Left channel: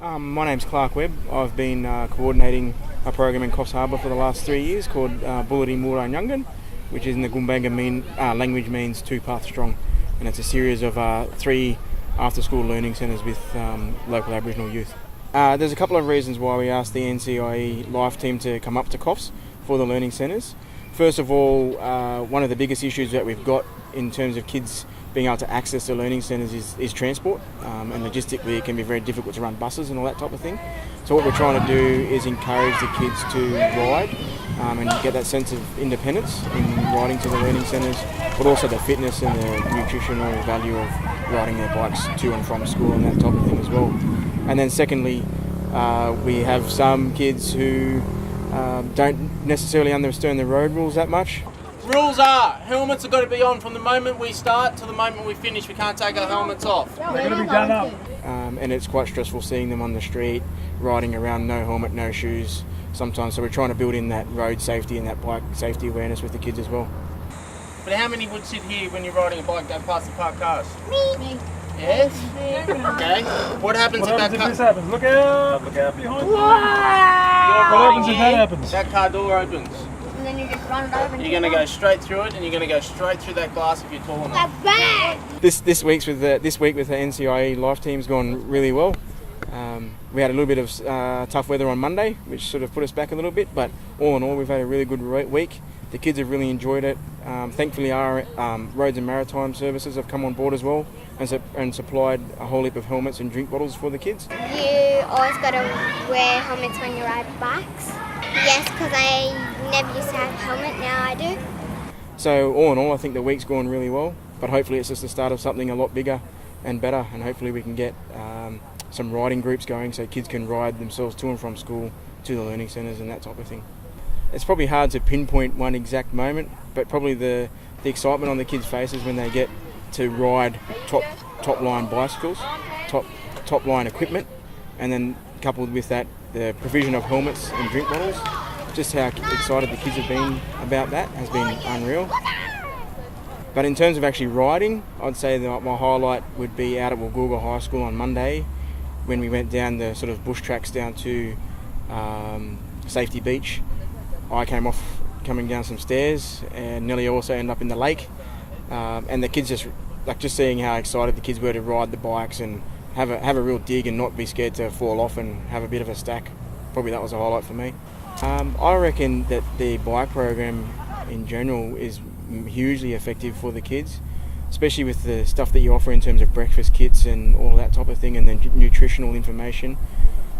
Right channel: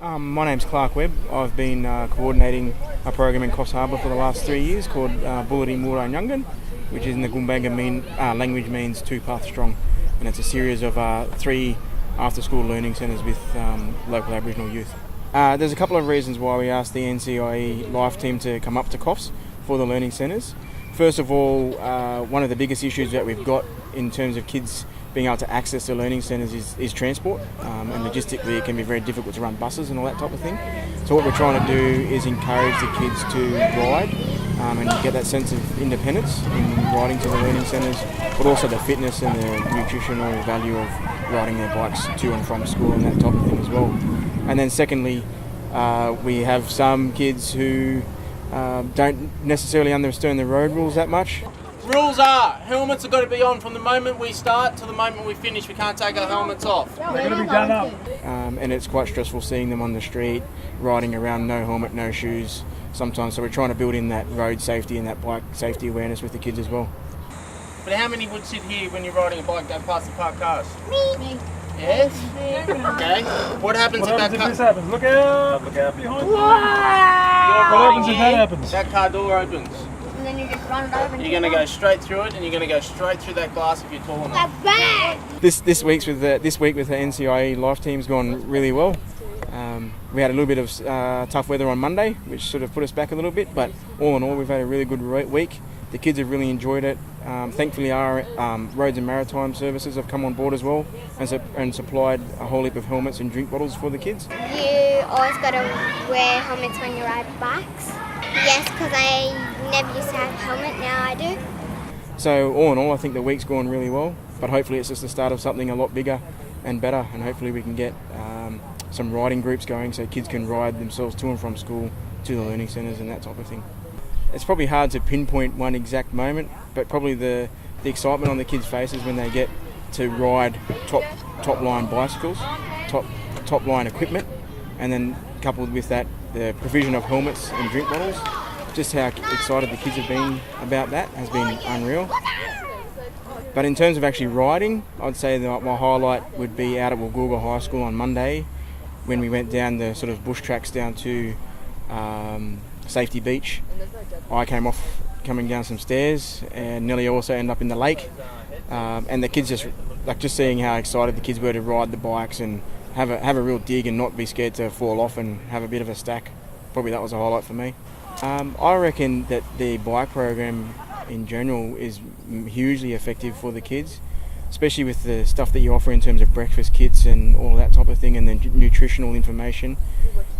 My name's Webb. I've been coordinating a program in Coffs Harbour for the last 3 years called Bulletin Mura Nyungan, which in the Gumbaynggirr language means two path strong, and it's a series of 3 after-school learning centres with local Aboriginal youth. There's a couple of reasons why we asked the NCIE Life team to come up to Coffs for the learning centres. First of all, one of the biggest issues that we've got in terms of kids being able to access the learning centres is transport, and logistically it can be very difficult to run buses and all that type of thing. So what we're trying to do is encourage the kids to ride and get that sense of independence in riding to the learning centres, but also the fitness and the nutritional value of riding their bikes to and from school and that type of thing as well. And then secondly, we have some kids who don't necessarily understand the road rules that much. Rules are, helmets have got to be on from the moment we start to the moment we finish. We can't take our helmets off. They're going to be done up. And it's quite stressful seeing them on the street, riding around, no helmet, no shoes sometimes. So we're trying to build in that road safety and that bike safety awareness with the kids as well. But how many would sit here when you're riding a bike going past the parked cars? Me. Yes? Okay. What happens if that car... this happens? Look out behind you. You're What happens if that here, happens? that car door opens. And then you just run it over. You're going to go straight through it, and you're going to go straight through that glass if you're tall enough. That's bad. This week with the NCIE Life team's gone really well. We had a little bit of tough weather on Monday, which sort of put us back a little bit, but all in all we've had a really good week. The kids have really enjoyed it. Thankfully our roads and maritime services have come on board as well and supplied a whole heap of helmets and drink bottles for the kids. You always got to wear helmets when you ride bikes. Yes, because I never used to have a helmet, now I do. So all in all I think the week's gone really well, but hopefully it's just the start of something a lot bigger and better, and hopefully we can get some riding groups going so kids can ride themselves to and from school, to the learning centres and that type of thing. It's probably hard to pinpoint one exact moment, but probably the excitement on the kids' faces when they get to ride top line bicycles, top line equipment, and then coupled with that the provision of helmets and drink bottles. Just how excited the kids have been about that has been unreal. But in terms of actually riding, I'd say that my highlight would be out at Woolgoolga High School on Monday when we went down the sort of bush tracks down to Safety Beach. I came off coming down some stairs and nearly also ended up in the lake. And the kids just seeing how excited the kids were to ride the bikes and have a real dig and not be scared to fall off and have a bit of a stack. Probably that was a highlight for me. I reckon that the bike program in general is hugely effective for the kids, especially with the stuff that you offer in terms of breakfast kits and all that type of thing, and then nutritional information.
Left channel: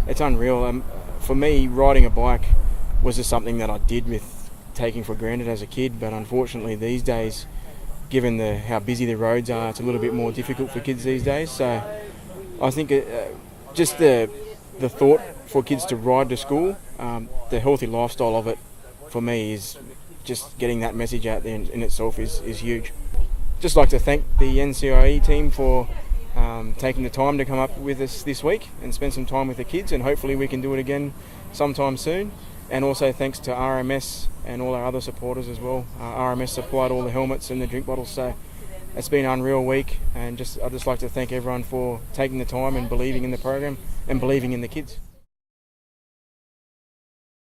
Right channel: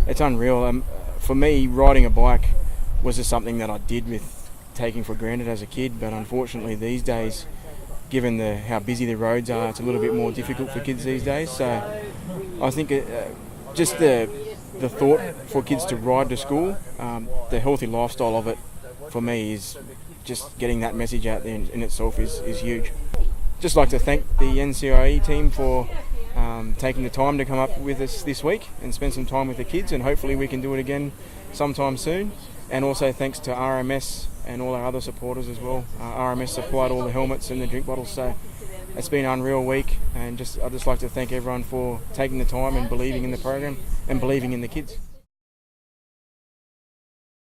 It's unreal. For me, riding a bike was just something that I did with taking for granted as a kid, but unfortunately these days, given how busy the roads are, it's a little bit more difficult for kids these days. So I think just the thought for kids to ride to school, the healthy lifestyle of it, for me is just getting that message out there in itself is huge. Just like to thank the NCIE team for taking the time to come up with us this week and spend some time with the kids, and hopefully we can do it again sometime soon. And also thanks to RMS and all our other supporters as well. RMS supplied all the helmets and the drink bottles, so it's been an unreal week, and I'd just like to thank everyone for taking the time and believing in the program and believing in the kids.